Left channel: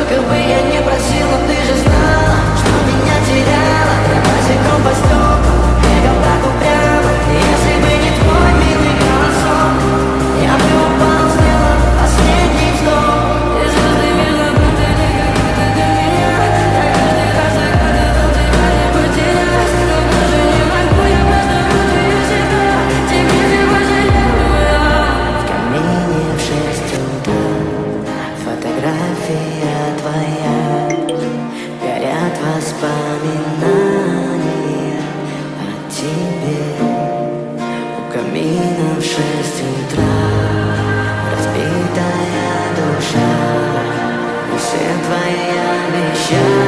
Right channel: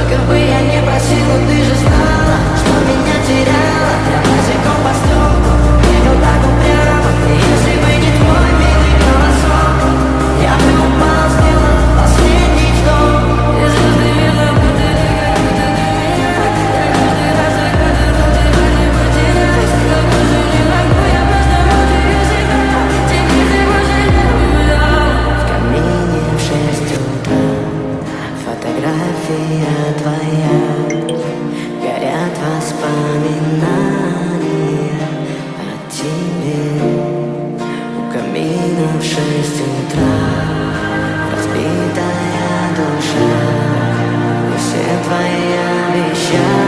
Сколько бы я не просил, но ты же знала, что меня теряла. Я босиком по стеклам бегал так упрямо. Если бы не твой милый голосок, я бы упал, сделав последний вдох. И звезды мирно падали, как будто до меня. Я каждый раз загадывал тебя не потерять, но больше не могу, я просто мучаю себя. Теперь ты пожалел меня. В камине в 6 утра фотография твоя, горят воспоминания о тебе. У камина в 6 утра разбитая душа, и все твои обещания